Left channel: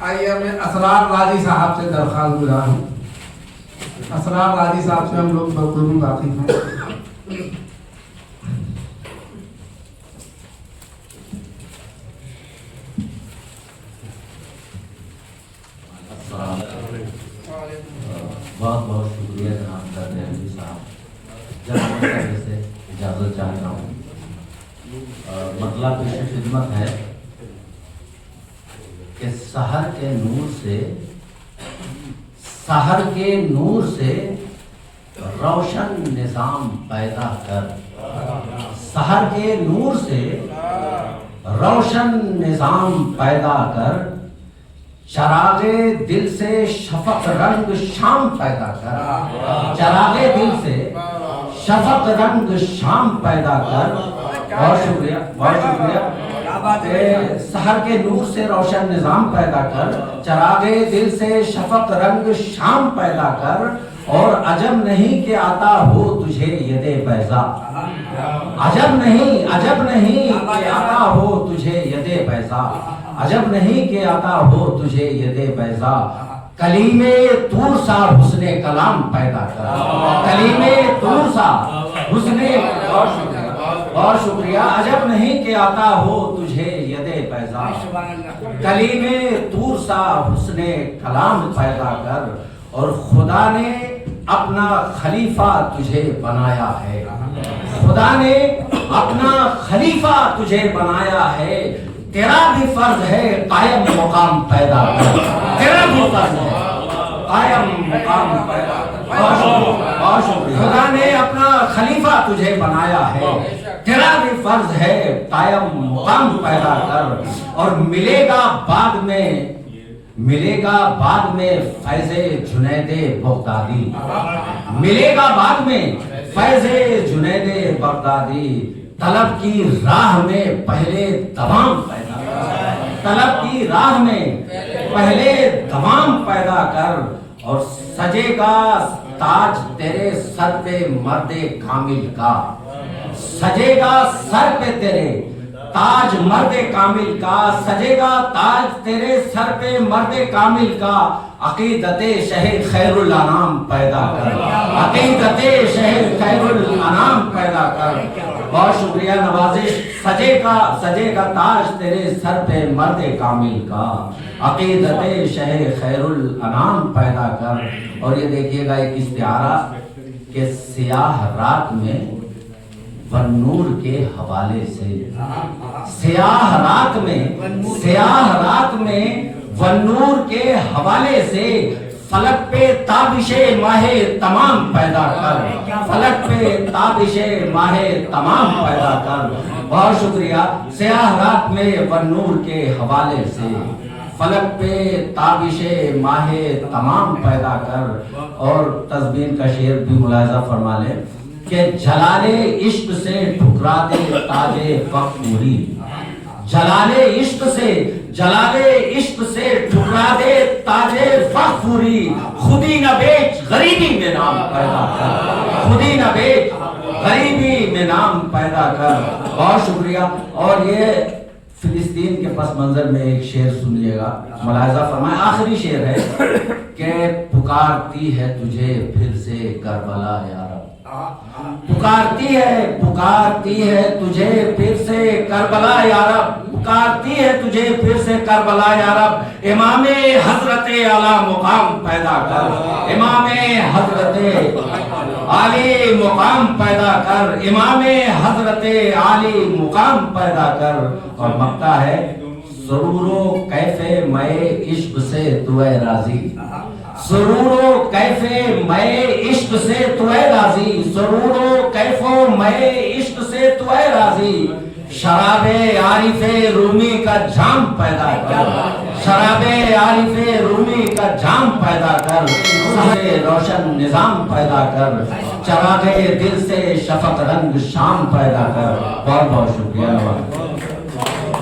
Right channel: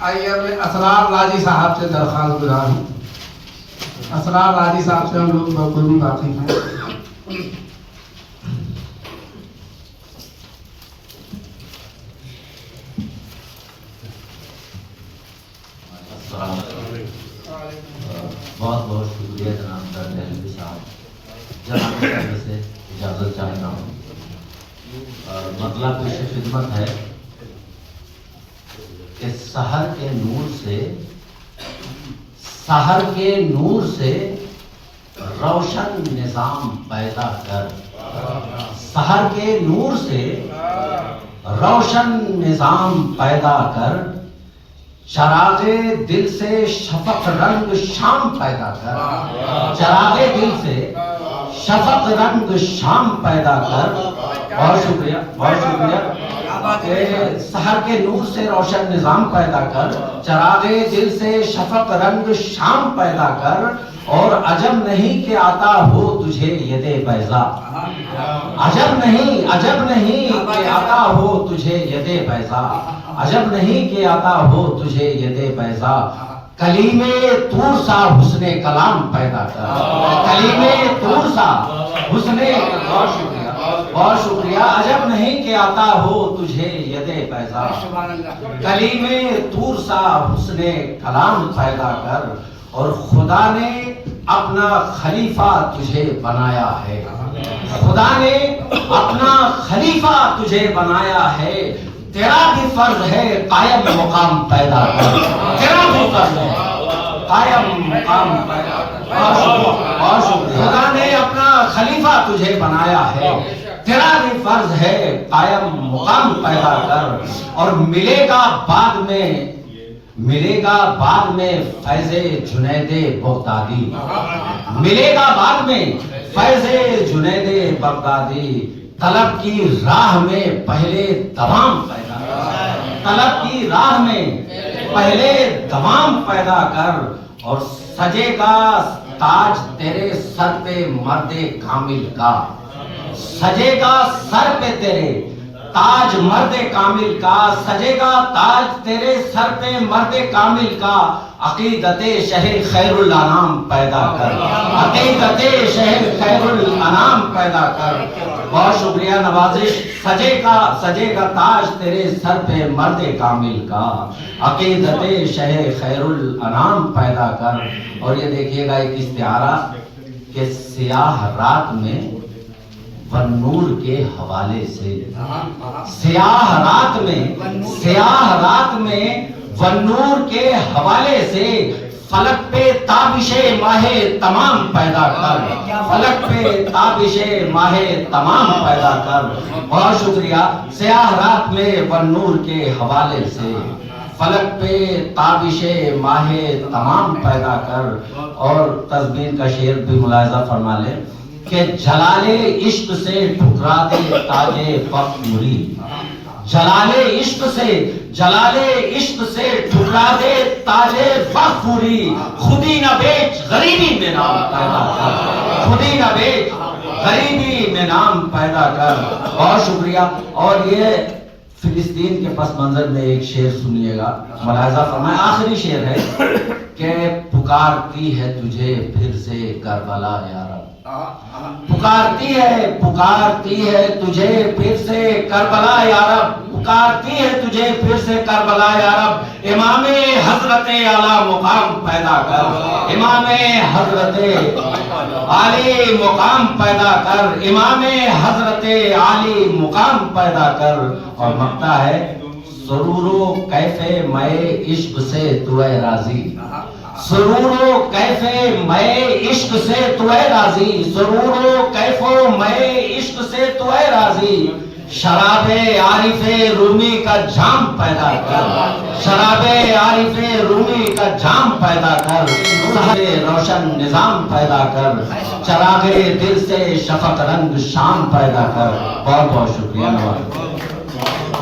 آئیے میں اسرار راضی صاحب سے درخواست گزار ہوں. اسرار راضی صاحب سے ہم لوگ بخوبی واقف ہیں. بہت بہت شکریہ جناب دہلوی صاحب. جناب سے اجازت چاہتا ہوں. مطلب پیش خدمت ہے کہ سحر کے نور سے روشن نظام پیدا کر. سحر کے نور سے روشن نظام پیدا کر. چراغ دل سے شفق رنگ شام پیدا کر. چراغ دل سے شفق رنگ شام پیدا کر. بہت شکریہ بہت شکریہ. سحر کے نور سے روشن نظام پیدا کر. چراغ دل سے شفق رنگ شام پیدا کر. اور عجب نہیں کہ عطا ہو تجھے ید بیضا. عجب نہیں کہ عطا ہو تجھے ید بیضا. عجب نہیں کہ عطا ہو تجھے ید بیضا. کلیم طور سا حسن کلام پیدا کر. کلیم طور سا حسن. بہت شکریہ. عجب نہیں کہ عطا ہو تجھے ید بیضا. کلیم طور سا حسن کلام پیدا کر. اور خدا نے اپنا خلیفہ تجھے بنایا ہے. خدا نے اپنا خلیفہ تجھے بنایا ہے. تیرا بھی فرض ہے قائم مقام پیدا کر. تیرا بھی فرض ہے قائم مقام پیدا کر. خدا نے اپنا خلیفہ تجھے بنایا ہے. تیرا بھی فرض ہے قائم مقام پیدا کر. اور ملے گا بعد میں فیض جنید بغدادی. ملے گا بعد میں فیض جنید بغدادی. طلب کی راہ میں پہلے دوام پیدا کر. طلب کی راہ میں پہلے دوام پیدا کر. اور سجے گا تاج تیرے سر پہ مرد کامل کا. سجے گا سر پہ تیرے تاج مرد کامل کا. سجے گا تاج تیرے سر پہ مرد کامل کا. عقیدت شہر خیر الانام پیدا کر. عقیدت شہر خیر الانام پیدا کر. بہت شکریہ نوازش. سجے گا تاج تیرے سر پہ مرد کامل کا. عقیدت شہر خیر الانام پیدا کر. اور یہ دیکھیے گا ایک استعارہ کہ سیاہ رات میں والنور کے حوالے سے. سیاہ رات میں والنور کے حوالے سے. فلک پہ تابش ماہ تمام پیدا کر. فلک پہ تابش ماہ تمام پیدا کر. بہت شکریہ. سیاہ رات میں والنور کے حوالے سے. فلک پہ تابش ماہ تمام پیدا کر. اور تزبین کا شعر بھی ملاحظہ فرما لیں کہ جلال عشق سے ٹھکرا دے تاج فخری. جلال عشق سے ٹھکرا دے تاج فخری. خودی نہ بیچ غریبی میں نام پیدا کر. خودی نہ بیچ غریبی میں نام پیدا کر. بہت شکریہ. اور یہ فلسطین کے پس منظر میں ایک شعر سنیے گا. ملاحظہ فرمائیں آخری شعر ہے کہ پکارتی ہے تجھے پھر سے کربلا یا رب. پکارتی ہے تجھے پھر سے کربلا یا رب. پکارتی ہے تجھے پھر سے کربلا یا رب. امام حضرت اعلی مقام پیدا کر. امام حضرت عالی مقام پیدا کر. امام حضرت عالی مقام پیدا کر. اور مقطع ہے سرور و کیف میں عشق سے تو اے راضی. سرور و کیف میں عشق سے تو اے راضی. سرور و کیف میں عشق سے تو اے راضی. شراب عارف رومی کا جام پیدا کر. شراب عارف رومی کا جام پیدا کر. روشن نظام پیدا کر. چراغ دل سے شفق رنگ شام پیدا کر. بہت بہت شکریہ.